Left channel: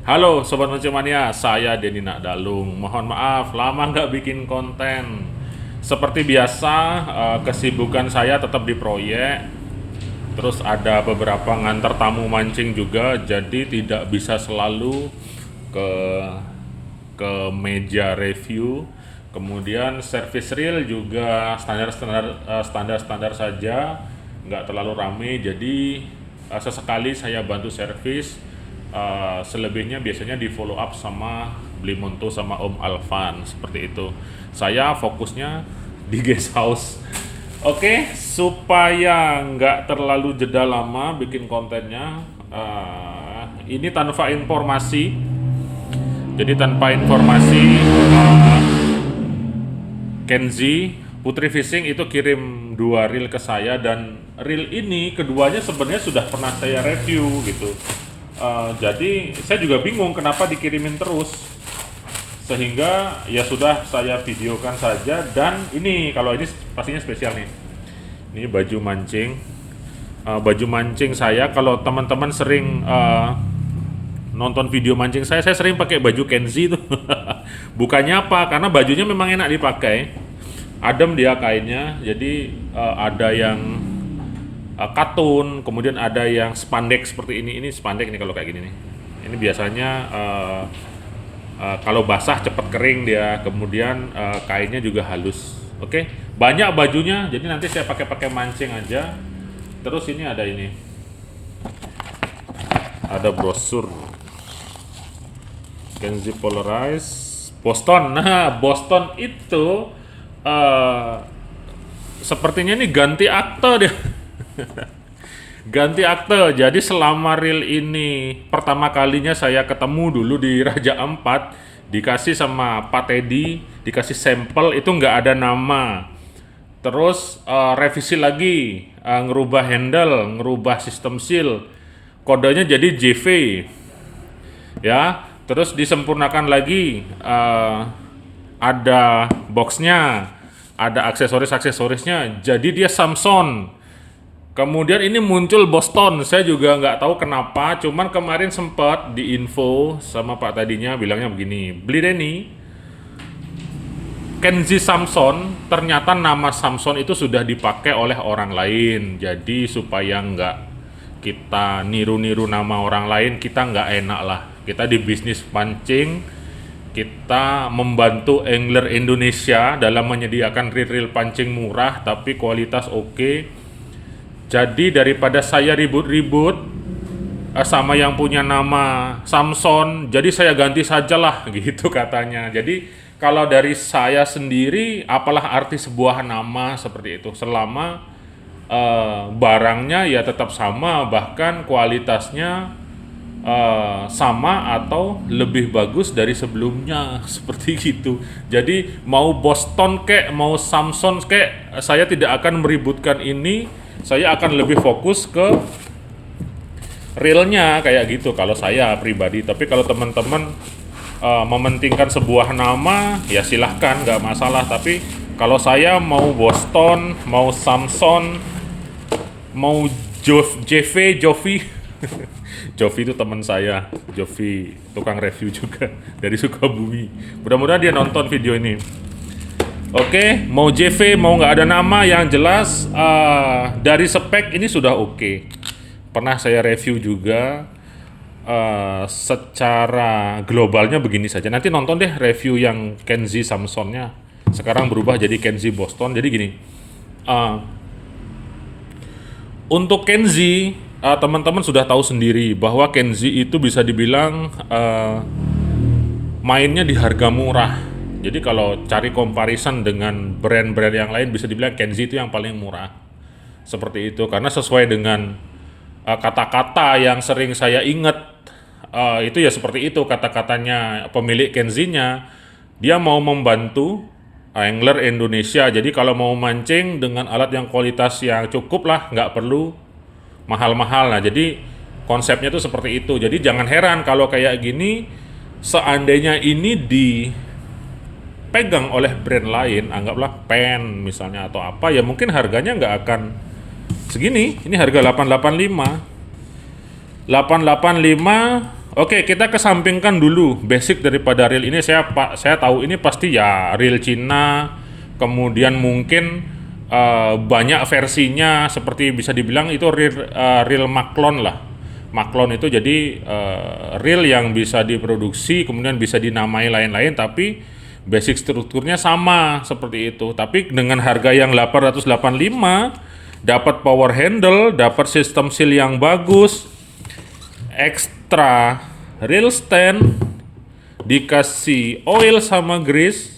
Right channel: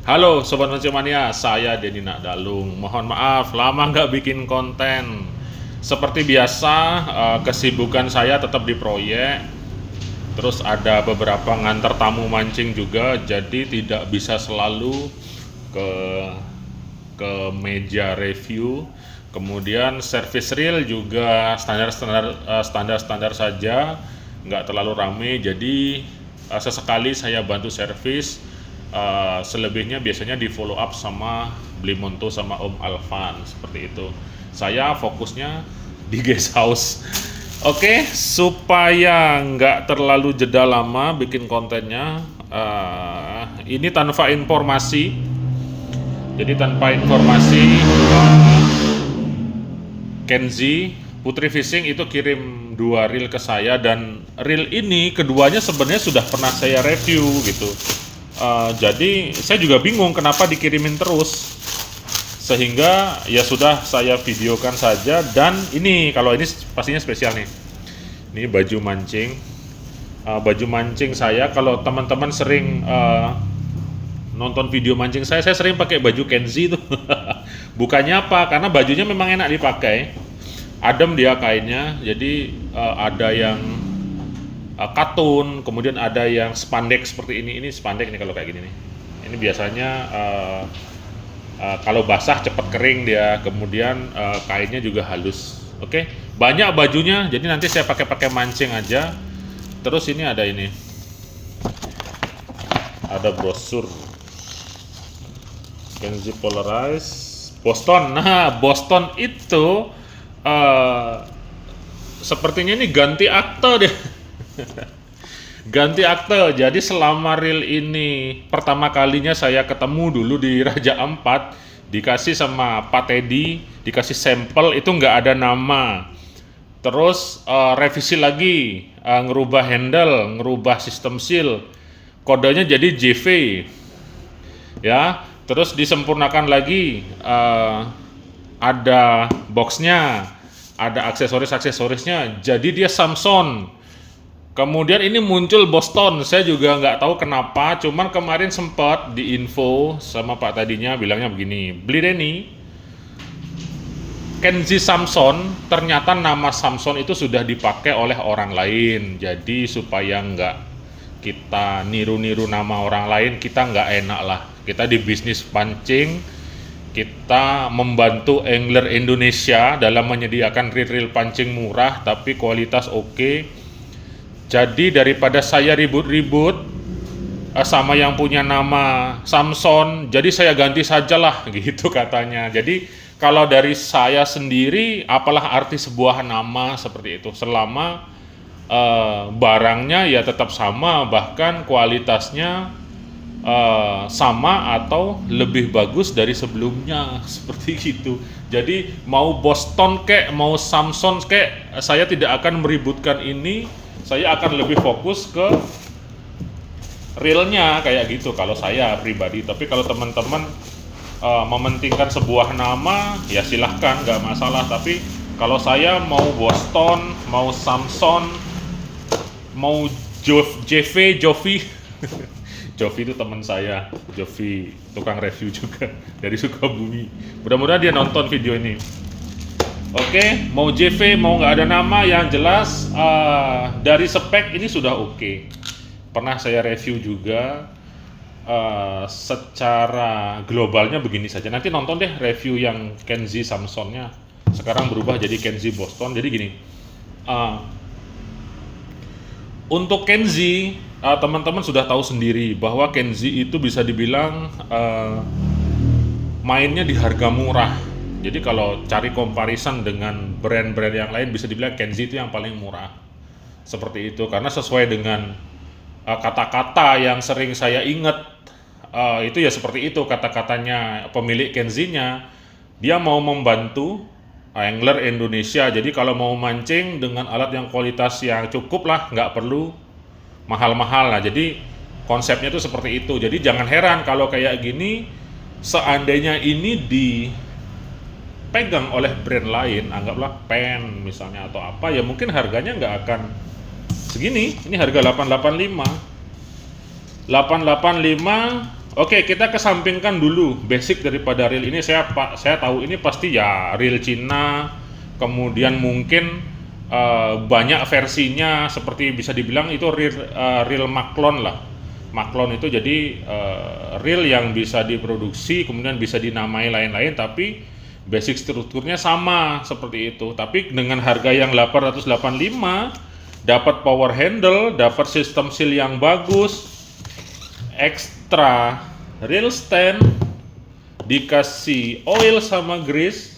Halo Sobat Mancing saya Denny Nakdalung. Mohon maaf, lama nggak bikin konten. Seperti biasa, kesibukan saya tetap di proyek. Terus ada beberapa ngantar tamu mancing juga, jadi tidak bisa selalu ke meja review. Kemudian service reel juga standar saja, nggak terlalu rame. Jadi sesekali saya bantu servis. Selebihnya biasanya di follow up sama Blimonto sama Om Alvan seperti itu. Saya fokusnya di guest house. Oke, supaya nggak terlalu jeda lama bikin kontennya, ini tanpa informasi. Jadi tanpa informasi, Kenzi Putri Fishing itu kirim 2 reel ke saya, dan reel ini keduanya sebenarnya sudah pernah saya review gitu. Jadi saya juga bingung kenapa dikirimin terus, sehingga ya sudah saya videokan saja. Dan ini kalau ini pastinya spesial nih. Ini baju mancing, baju mancing saya. Kalau teman-teman sering nonton video mancing saya sering pakai baju Kenzi tuh. Bukannya apa, karena bajunya memang enak dipakai, adem dia kainnya. Jadi ada yang katun, kemudian ada yang spandex seperti ini. Ini spandex nih kalau kayak gini nih. Ini biasanya kalau basah cepat kering dia, kemudian kainnya juga halus. Oke, banyak bajunya, jadi nanti saya pakai mancing aja. Terus ini ada brosur Kenzi Polarized Boston. Nah, Boston itu sepertinya ini ganti akte dia. Ganti akte. Jadi selama reel ini pertama kalinya saya ketemu dulu di Raja Ampat, dikasih sama Pak Teddy, dikasih sampel itu nggak ada nama. Terus revisi lagi, ngerubah handle, ngerubah sistem seal, kodenya jadi JV, ya. Terus disempurnakan lagi, ada boxnya, ada aksesorisnya, jadi dia Samson. Kemudian ini muncul Boston, saya juga nggak tahu kenapa, cuman kemarin sempat di info sama Pak tadinya bilangnya begini, beli Denny, Kenzi Samson, ternyata nama Samson itu sudah dipakai oleh orang lain. Jadi supaya nggak kita niru-niru nama orang lain, kita nggak enak lah. Kita di bisnis pancing, kita membantu angler Indonesia dalam menyediakan reel pancing murah tapi kualitas oke. Jadi daripada saya ribut-ribut sama yang punya nama Samson, jadi saya ganti sajalah gitu katanya. Jadi kalau dari saya sendiri, apalah arti sebuah nama seperti itu selama barangnya ya tetap sama, bahkan kualitasnya sama atau lebih bagus dari sebelumnya seperti gitu. Jadi mau Boston kek, mau Samson kek, saya tidak akan meributkan ini. Saya akan lebih fokus ke realnya kayak gitu kalau saya pribadi. Tapi kalau teman-teman mementingkan sebuah nama, ya silahkan, nggak masalah. Tapi kalau saya mau Boston, mau Samson, mau JV, Jovi. Jovi itu teman saya, Jovi tukang review juga dari Sukabumi. Mudah-mudahan dia nonton video ini. Oke, mau JV, mau nggak ada nama, yang jelas dari spek ini sudah oke. Pernah saya review juga, secara globalnya begini saja. Nanti nonton deh review yang Kenzi Samsonnya. Sekarang berubah jadi Kenzi Boston. Jadi gini, untuk Kenzi, teman-teman sudah tahu sendiri bahwa Kenzi itu bisa dibilang mainnya di harga murah. Jadi kalau cari comparison dengan brand-brand yang lain, bisa dibilang Kenzi itu yang paling murah. Seperti itu, karena sesuai dengan kata-kata yang sering saya ingat, itu ya seperti itu kata-katanya pemilik Kenzi-nya. Dia mau membantu angler Indonesia, jadi kalau mau mancing dengan alat yang kualitas yang cukup lah, nggak perlu mahal-mahal. Nah, jadi konsepnya itu seperti itu. Jadi jangan heran kalau kayak gini, seandainya ini dipegang oleh brand lain, anggaplah pen misalnya atau apa, ya mungkin harganya nggak akan segini. Ini harga 885. Oke, kita kesampingkan dulu basic daripada reel ini. Saya tahu ini pasti ya reel Cina, kemudian mungkin banyak versinya, seperti bisa dibilang itu reel Maklon lah. Maklon itu jadi reel yang bisa diproduksi, kemudian bisa dinamai lain-lain, tapi basic strukturnya sama seperti itu. Tapi dengan harga yang 885, dapat power handle, dapat sistem seal yang bagus, ekstra reel stand, dikasih oil sama grease,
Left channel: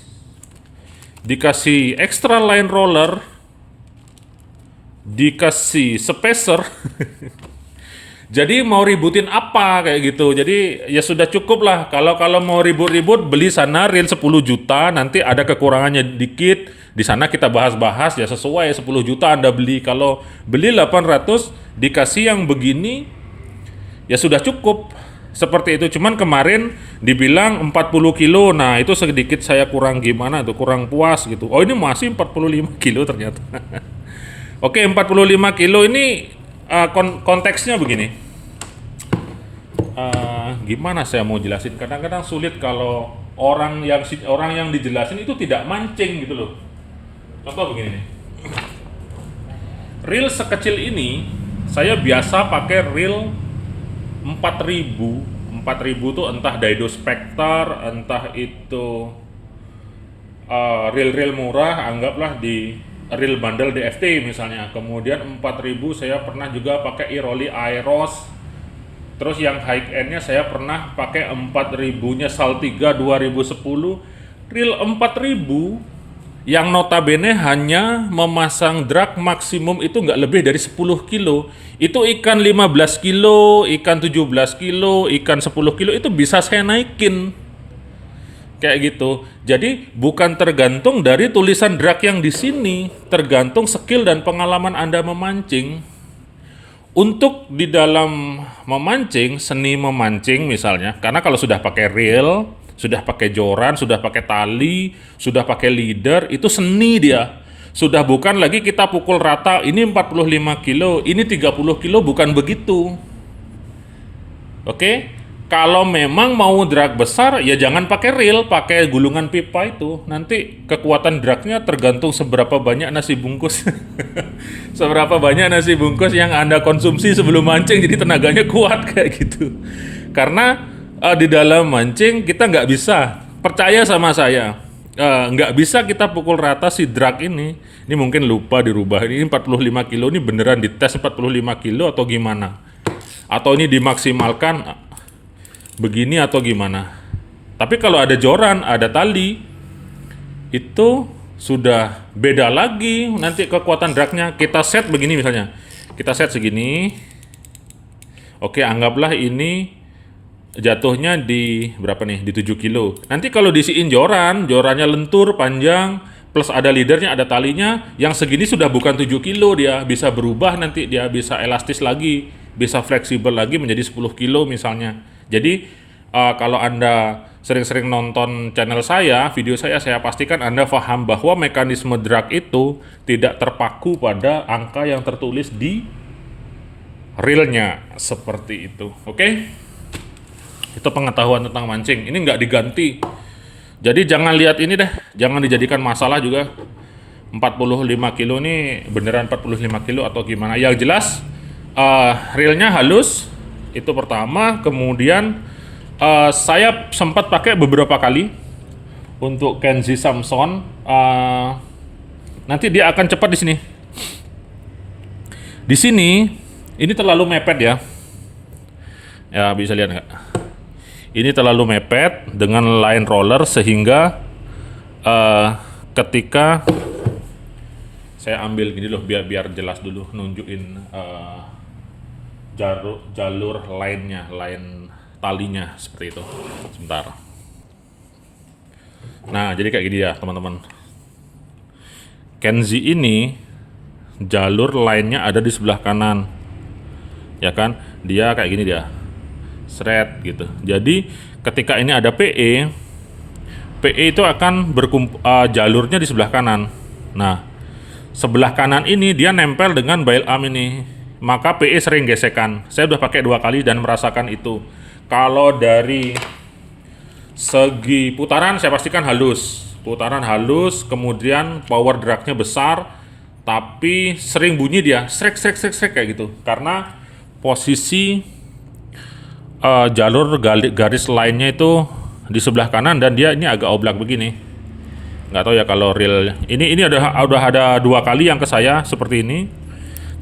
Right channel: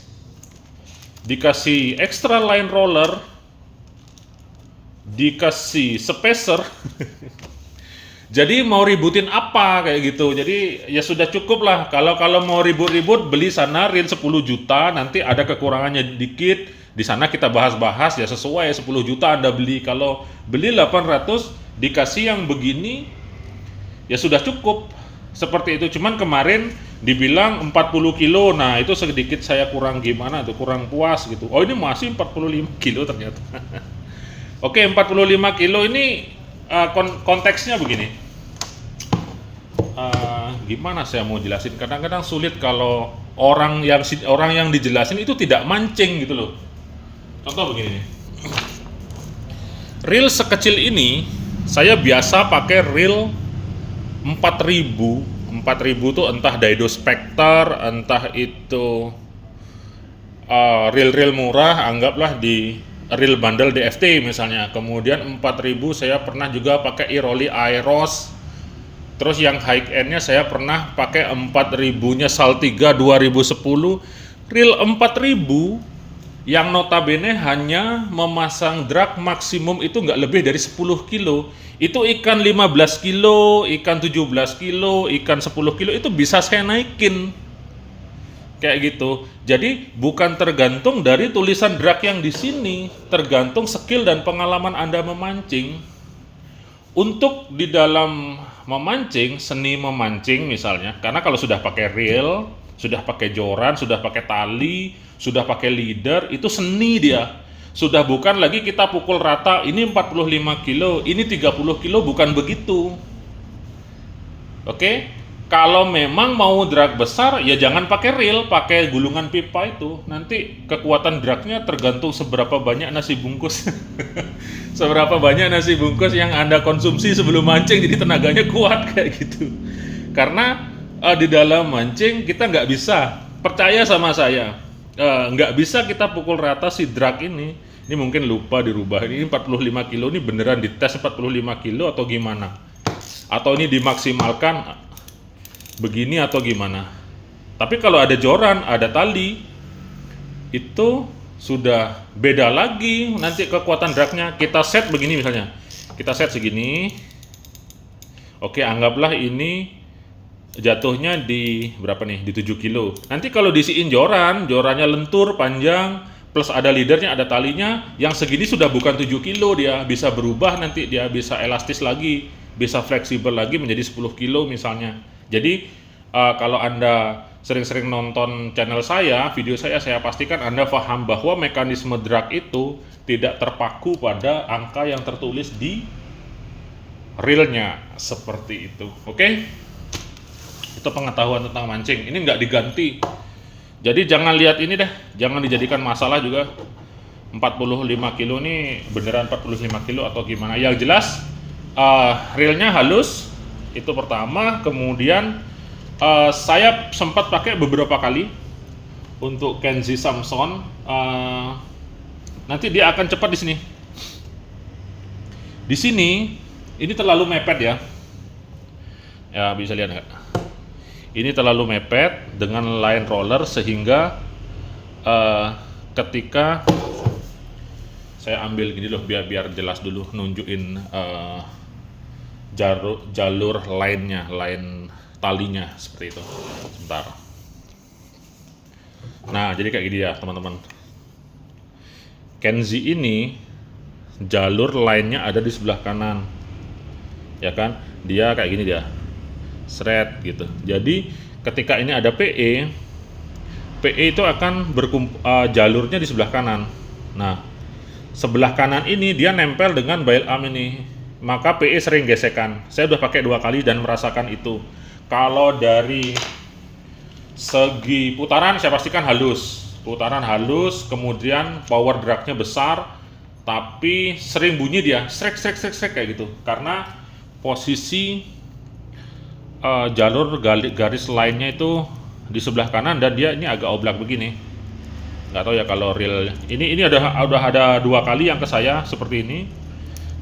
dikasih extra line roller, dikasih spacer. Jadi mau ributin apa kayak gitu. Jadi ya sudah cukup lah. Kalau mau ribut-ribut beli sana reel 10 juta, nanti ada kekurangannya dikit. Di sana kita bahas-bahas ya sesuai 10 juta Anda beli. Kalau beli 800 dikasih yang begini ya sudah cukup. Seperti itu. Cuman kemarin dibilang 40 kilo. Nah, itu sedikit saya kurang gimana tuh, kurang puas gitu. Oh, ini masih 45 kilo ternyata. Oke, 45 kilo ini konteksnya begini. Gimana saya mau jelasin? Kadang-kadang sulit kalau orang yang dijelasin itu tidak mancing gitu loh. Contoh begini nih. Reel sekecil ini saya biasa pakai reel 4000 tuh entah Daido Spectre, entah itu reel-reel murah, anggaplah di reel bundle DFT misalnya. Kemudian 4000 saya pernah juga pakai Iroli Airos. Terus yang high end-nya saya pernah pakai 4000-nya Saltiga 2010. Reel 4000 yang notabene hanya memasang drag maksimum itu nggak lebih dari 10 kilo. Itu ikan 15 kilo, ikan 17 kilo, ikan 10 kilo itu bisa saya naikin. Kayak gitu. Jadi bukan tergantung dari tulisan drag yang di sini, tergantung skill dan pengalaman Anda memancing. Untuk di dalam memancing, seni memancing misalnya, karena kalau sudah pakai reel, sudah pakai joran, sudah pakai tali, sudah pakai leader, itu seni dia. Sudah bukan lagi kita pukul rata, ini 45 kilo, ini 30 kilo, bukan begitu. Oke? Kalau memang mau drag besar, ya jangan pakai reel, pakai gulungan pipa itu. Nanti kekuatan dragnya tergantung seberapa banyak nasi bungkus. Seberapa banyak nasi bungkus yang Anda konsumsi sebelum mancing, jadi tenaganya kuat kayak gitu. Karena di dalam mancing kita nggak bisa, percaya sama saya, nggak bisa kita pukul rata si drag ini. Ini mungkin lupa dirubah, ini 45 kilo, ini beneran dites 45 kilo atau gimana? Atau ini dimaksimalkan begini atau gimana? Tapi kalau ada joran, ada tali, itu sudah beda lagi nanti kekuatan dragnya. Kita set begini misalnya, kita set segini. Oke, anggaplah ini jatuhnya di berapa nih, di 7 kilo. Nanti kalau diisiin jorannya lentur panjang plus ada leadernya, ada talinya, yang segini sudah bukan 7 kilo, dia bisa berubah, nanti dia bisa elastis lagi, bisa fleksibel lagi menjadi 10 kilo misalnya. Jadi kalau Anda sering-sering nonton channel saya, video saya pastikan Anda paham bahwa mekanisme drag itu tidak terpaku pada angka yang tertulis di reelnya, seperti itu. Oke? Itu pengetahuan tentang mancing. Ini nggak diganti. Jadi jangan lihat ini deh, jangan dijadikan masalah juga. 45 kilo ini beneran 45 kilo atau gimana. Yang jelas reelnya halus, itu pertama. Kemudian saya sempat pakai beberapa kali untuk Kenzi Samson. Nanti dia akan cepat di sini. Di sini ini terlalu mepet ya. Ya bisa lihat nggak? Ini terlalu mepet dengan line roller sehingga ketika saya ambil gini loh, biar jelas dulu nunjukin jalur line-nya, line talinya seperti itu. Sebentar. Nah, jadi kayak gini ya, teman-teman. Kenzi ini jalur line-nya ada di sebelah kanan. Ya kan? Dia kayak gini dia. Thread gitu. Jadi ketika ini ada PE itu akan jalurnya di sebelah kanan. Nah, sebelah kanan ini dia nempel dengan bail arm ini, maka PE sering gesekan. Saya udah pakai 2 kali dan merasakan itu. Kalau dari segi putaran saya pastikan halus. Putaran halus, kemudian power drag-nya besar, tapi sering bunyi dia, srek srek srek srek kayak gitu. Karena posisi jalur garis lainnya itu di sebelah kanan dan dia ini agak oblak begini. Nggak tahu ya kalau real. Ini udah ada 2 kali yang ke saya seperti ini.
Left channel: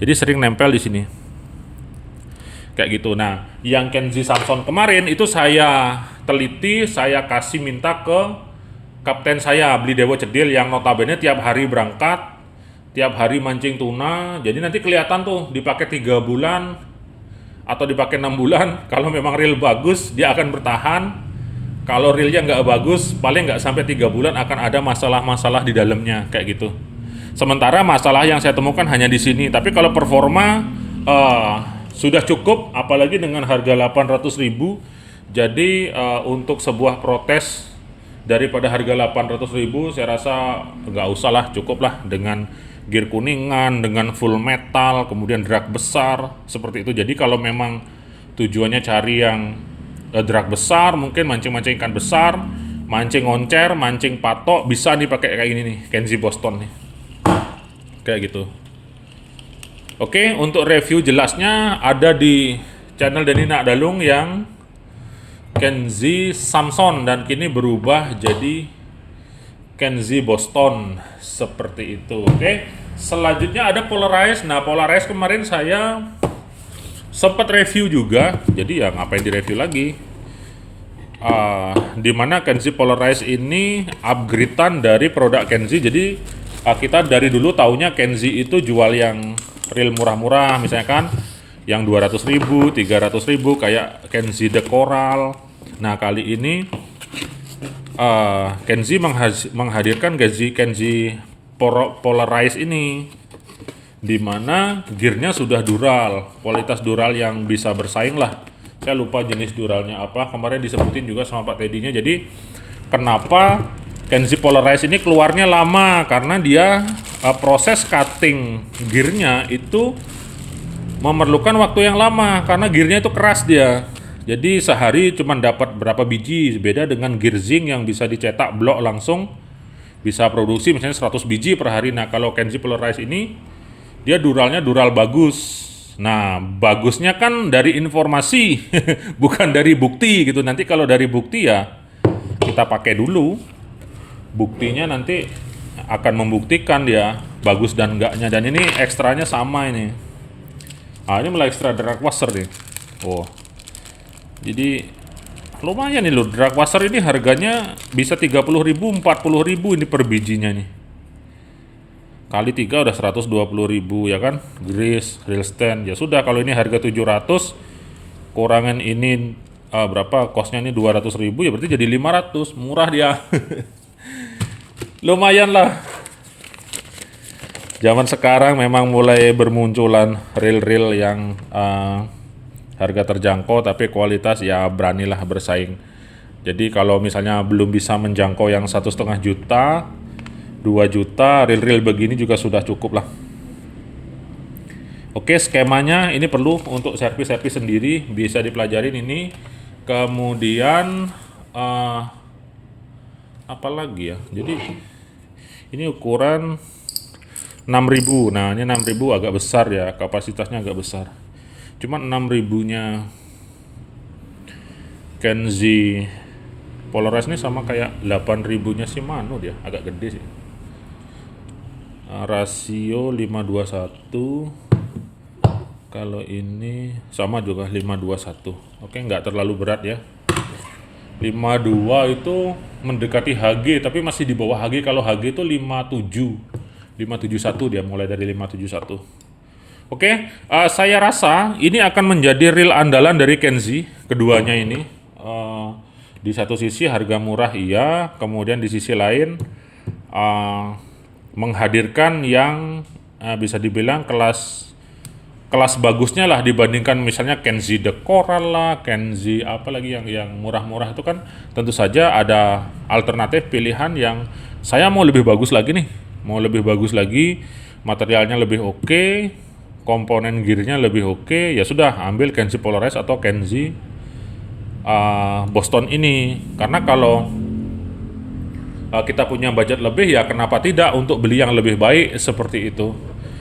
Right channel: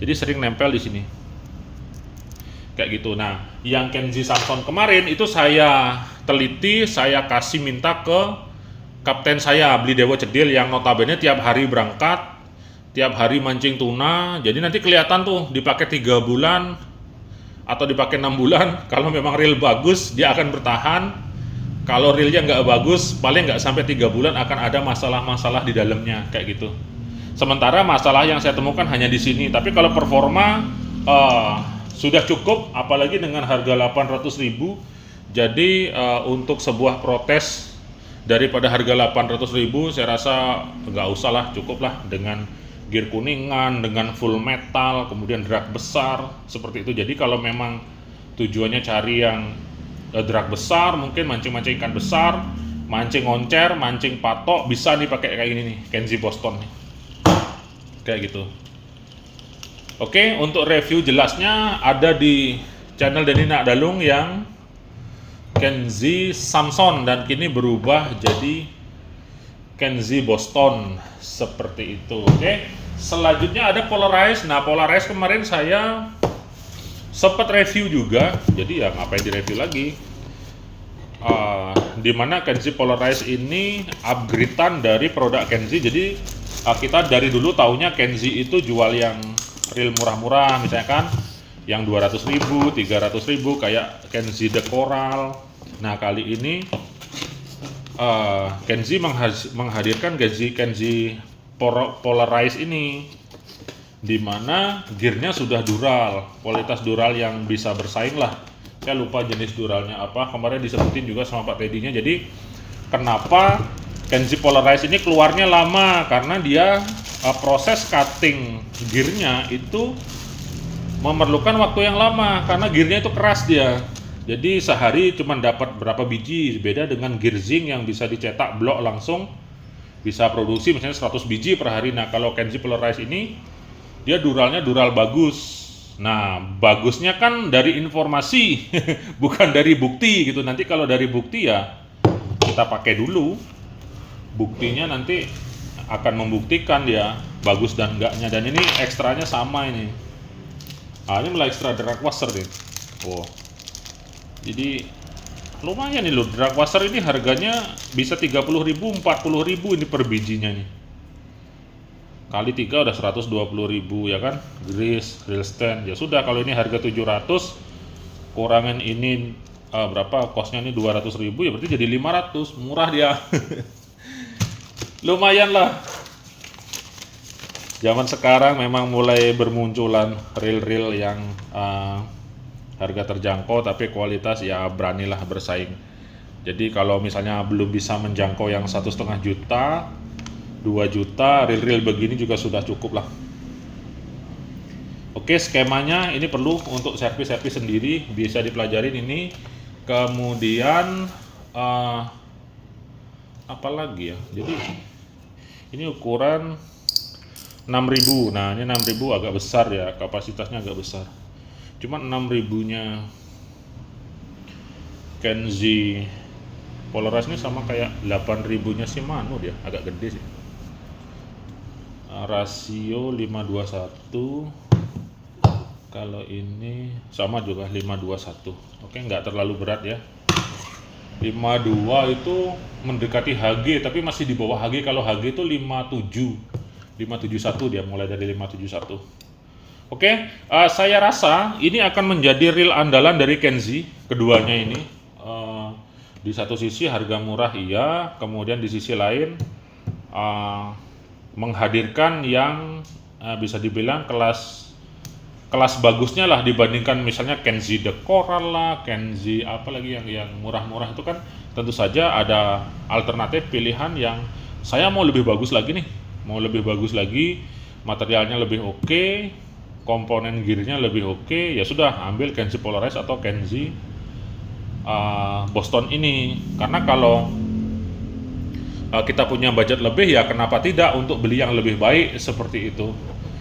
Jadi sering nempel di sini. Kayak gitu. Nah, yang Kenzi Samson kemarin itu saya teliti, saya kasih minta ke kapten saya, Beli Dewo Cedil, yang notabene tiap hari berangkat, tiap hari mancing tuna. Jadi nanti kelihatan tuh dipakai 3 bulan atau dipakai 6 bulan. Kalau memang reel bagus, dia akan bertahan. Kalau reelnya nggak bagus, paling nggak sampai 3 bulan akan ada masalah-masalah di dalamnya kayak gitu. Sementara masalah yang saya temukan hanya di sini. Tapi kalau performa sudah cukup, apalagi dengan harga 800.000. Jadi untuk sebuah protes daripada harga 800.000, saya rasa nggak usah lah, cukup lah dengan gear kuningan, dengan full metal, kemudian drag besar seperti itu. Jadi kalau memang tujuannya cari yang drag besar, mungkin mancing-mancing ikan besar, mancing oncer, mancing patok, bisa nih pakai kayak ini nih, Kenzi Boston nih, kayak gitu. Oke, untuk review jelasnya ada di channel Denny Nakdalung yang Kenzi Samson, dan kini berubah jadi Kenzi Boston seperti itu. Oke, selanjutnya ada Polarized. Nah, Polarized kemarin saya sempat review juga, jadi ya ngapain direview lagi. Dimana Kenzi Polarized ini upgradean dari produk Kenzi. Jadi kita dari dulu taunya Kenzi itu jual yang reel murah-murah, misalnya kan yang 200.000, 300.000 kayak Kenzi The Coral. Nah, kali ini Kenzi menghadirkan Kenzi Polarized ini, dimana gearnya sudah dural, kualitas dural yang bisa bersaing lah. Saya lupa jenis duralnya apa, kemarin disebutin juga sama Pak Teddy-nya. Jadi kenapa Kenzi Polarized ini keluarnya lama, karena dia proses cutting gearnya itu memerlukan waktu yang lama, karena gearnya itu keras dia. Jadi sehari cuma dapat berapa biji, beda dengan gear zinc yang bisa dicetak blok langsung, bisa produksi misalnya 100 biji per hari. Nah, kalau Kenzi Polarized ini dia duralnya dural bagus. Nah, bagusnya kan dari informasi bukan dari bukti gitu. Nanti kalau dari bukti ya kita pakai dulu, buktinya nanti akan membuktikan dia bagus dan enggaknya. Dan ini ekstranya sama ini. Nah, ini mulai ekstra drag washer nih. Oh, jadi lumayan nih loh, drag washer ini harganya bisa 30.000, 40.000 ini per bijinya nih. Kali 3 udah 120.000 ya kan. Grease, reel stand. Ya sudah, kalau ini harga 700, kurangan ini berapa? Costnya ini 200.000, ya berarti jadi 500. Murah dia. Lumayan lah. Zaman sekarang memang mulai bermunculan reel-reel yang harga terjangkau tapi kualitas ya beranilah bersaing. Jadi kalau misalnya belum bisa menjangkau yang 1,5 juta, 2 juta, reel-reel begini juga sudah cukup lah. Oke, skemanya ini perlu untuk servis-servis sendiri, bisa dipelajarin ini. Kemudian apa lagi ya? Jadi ini ukuran 6.000. Nah, ini 6.000 agak besar ya, kapasitasnya agak besar. Cuma 6.000-nya Kenzi Polarized ini sama kayak 8.000-nya Shimano, dia agak gede sih. Rasio 5:1. Kalau ini sama juga 5:1. Oke, nggak terlalu berat ya. 52 itu mendekati HG, tapi masih di bawah HG. Kalau HG itu 571, dia mulai dari 571. Oke, saya rasa ini akan menjadi reel andalan dari Kenzi, keduanya ini. Di satu sisi harga murah iya, kemudian di sisi lain menghadirkan yang bisa dibilang kelas bagusnya lah dibandingkan misalnya Kenzi The Coral lah, Kenzi apa lagi yang murah-murah itu kan tentu saja ada alternatif pilihan yang saya mau lebih bagus lagi nih, materialnya lebih oke, komponen gearnya lebih oke, ya sudah ambil Kenzi Polarized atau Kenzi Boston ini. Karena kalau kita punya budget lebih, ya kenapa tidak untuk beli yang lebih baik seperti itu.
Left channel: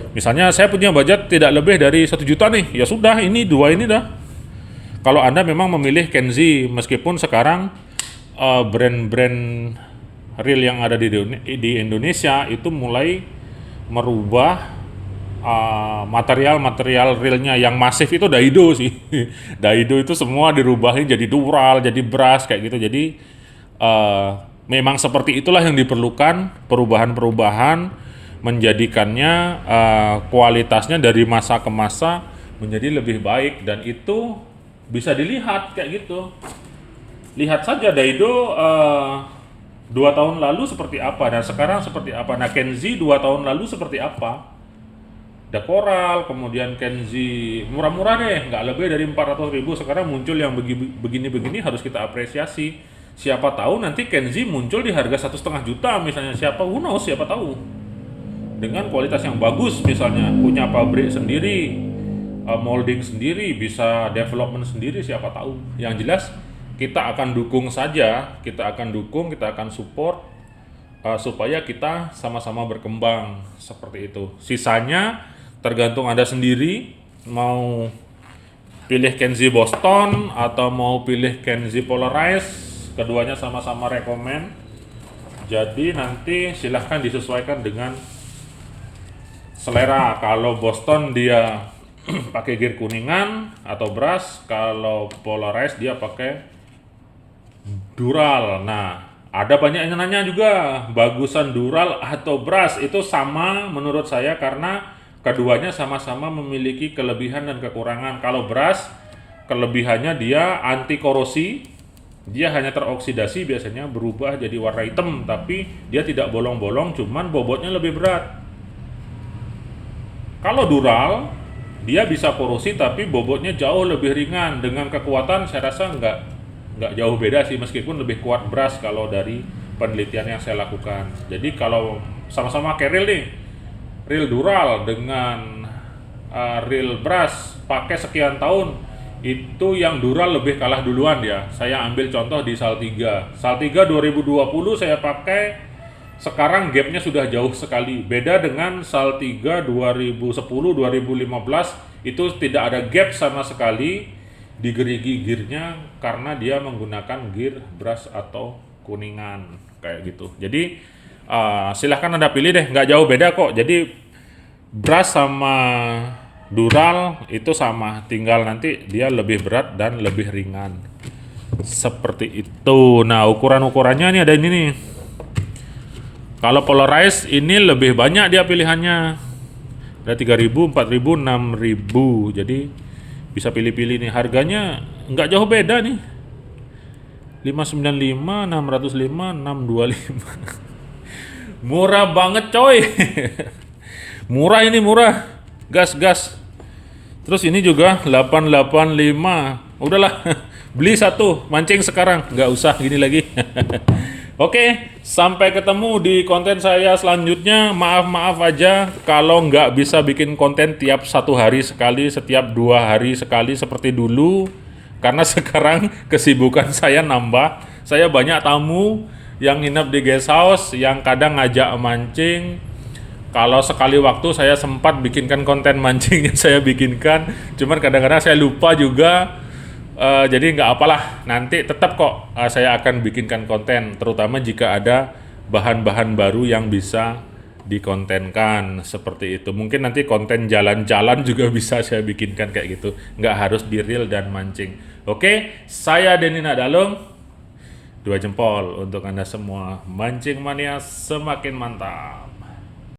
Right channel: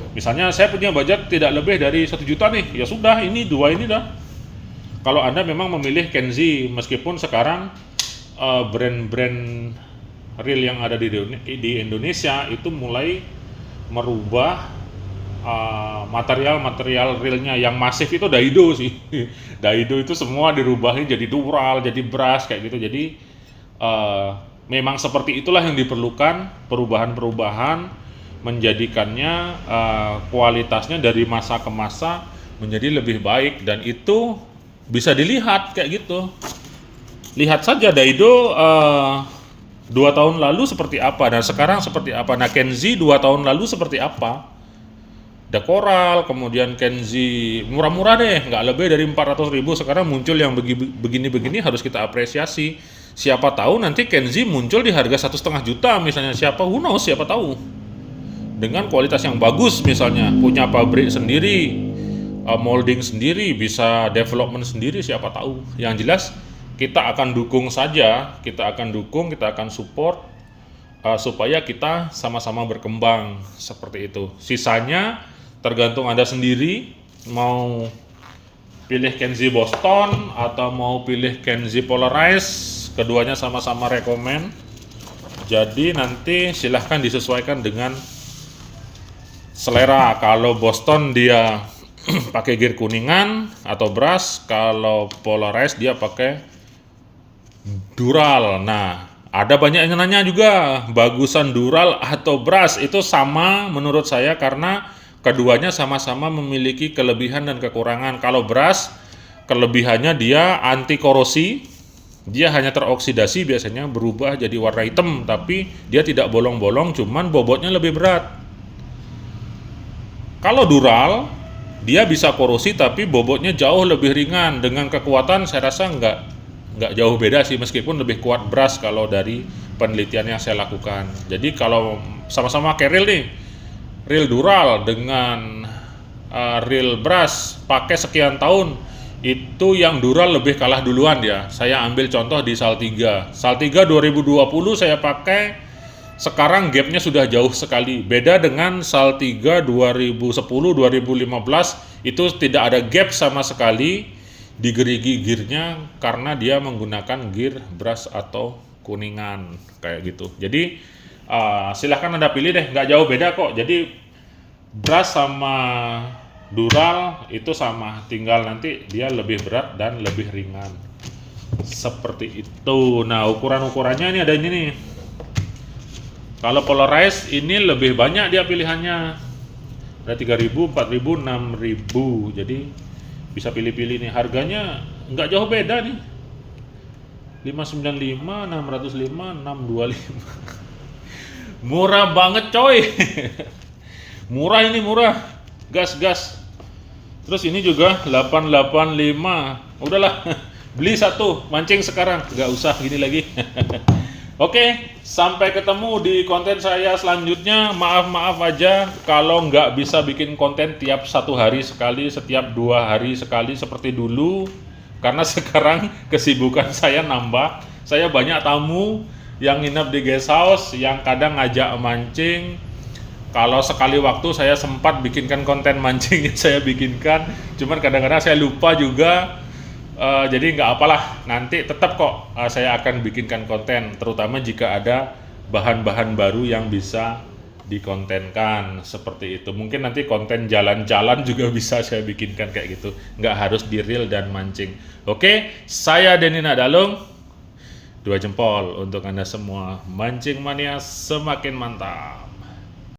Misalnya saya punya budget tidak lebih dari 1 juta nih, ya sudah, ini dua ini dah. Kalau Anda memang memilih Kenzi, meskipun sekarang brand-brand reel yang ada di Indonesia itu mulai merubah material realnya. Yang masif itu Daido sih. Daido itu semua dirubahin jadi dural, jadi brass kayak gitu. Jadi memang seperti itulah yang diperlukan, perubahan-perubahan menjadikannya kualitasnya dari masa ke masa menjadi lebih baik, dan itu bisa dilihat kayak gitu. Lihat saja Daido 2 tahun lalu seperti apa dan sekarang seperti apa. Nah, Kenzi 2 tahun lalu seperti apa? Ada Coral, kemudian Kenzi murah-murah deh, nggak lebih dari 400.000. Sekarang muncul yang begini-begini, harus kita apresiasi. Siapa tahu nanti Kenzi muncul di harga 1,5 juta misalnya. Who knows, siapa tahu. Dengan kualitas yang bagus misalnya, punya pabrik sendiri, molding sendiri, bisa development sendiri, siapa tahu. Yang jelas kita akan dukung saja, kita akan support supaya kita sama-sama berkembang seperti itu. Sisanya tergantung Anda sendiri, mau pilih Kenzi Boston atau mau pilih Kenzi Polarized, keduanya sama-sama rekomen. Jadi nanti silahkan disesuaikan dengan selera. Kalau Boston dia pakai gear kuningan atau brass, kalau Polarized dia pakai dural. Nah, ada banyak yang nanya juga, bagusan dural atau brass. Itu sama menurut saya, karena keduanya sama-sama memiliki kelebihan dan kekurangan. Kalau brass, kelebihannya dia anti korosi, dia hanya teroksidasi, biasanya berubah jadi warna hitam, tapi dia tidak bolong-bolong, cuman bobotnya lebih berat. Kalau dural, dia bisa korosi tapi bobotnya jauh lebih ringan. Dengan kekuatan saya rasa nggak jauh beda sih, meskipun lebih kuat brass kalau dari penelitian yang saya lakukan. Jadi kalau sama-sama kayak reel nih, reel dural dengan reel brass pakai sekian tahun, itu yang dural lebih kalah duluan ya. Saya ambil contoh di Saltiga 2020 saya pakai, sekarang gapnya sudah jauh sekali. Beda dengan Saltiga 2010-2015, itu tidak ada gap sama sekali di gerigi gearnya, karena dia menggunakan gear brass atau kuningan kayak gitu. Jadi silahkan Anda pilih deh, nggak jauh beda kok. Jadi brass sama dural itu sama, tinggal nanti dia lebih berat dan lebih ringan seperti itu. Nah, ukuran-ukurannya ini ada ini nih. Kalau Polarized ini lebih banyak dia pilihannya, ada 3.000, 4.000, 6.000. Jadi bisa pilih-pilih nih. Harganya nggak jauh beda nih, 595, 605, 625. Murah banget coy. Murah ini, murah. Gas. Terus ini juga 885. Udahlah, beli satu, mancing sekarang, nggak usah gini lagi. Oke, sampai ketemu di konten saya selanjutnya. Maaf aja kalau nggak bisa bikin konten tiap 1 hari sekali, setiap 2 hari sekali seperti dulu. Karena sekarang kesibukan saya nambah. Saya banyak tamu yang nginep di guest house, yang kadang ngajak mancing. Kalau sekali waktu saya sempat bikinkan konten mancing yang saya bikinkan, cuman kadang-kadang saya lupa juga. Jadi nggak apalah, nanti tetap kok saya akan bikinkan konten, terutama jika ada bahan-bahan baru yang bisa dikontenkan seperti itu. Mungkin nanti konten jalan-jalan juga bisa saya bikinkan kayak gitu, nggak harus di reel dan mancing. Oke, saya Denny Nadalung, 2 jempol untuk Anda semua. Mancing mania semakin mantap.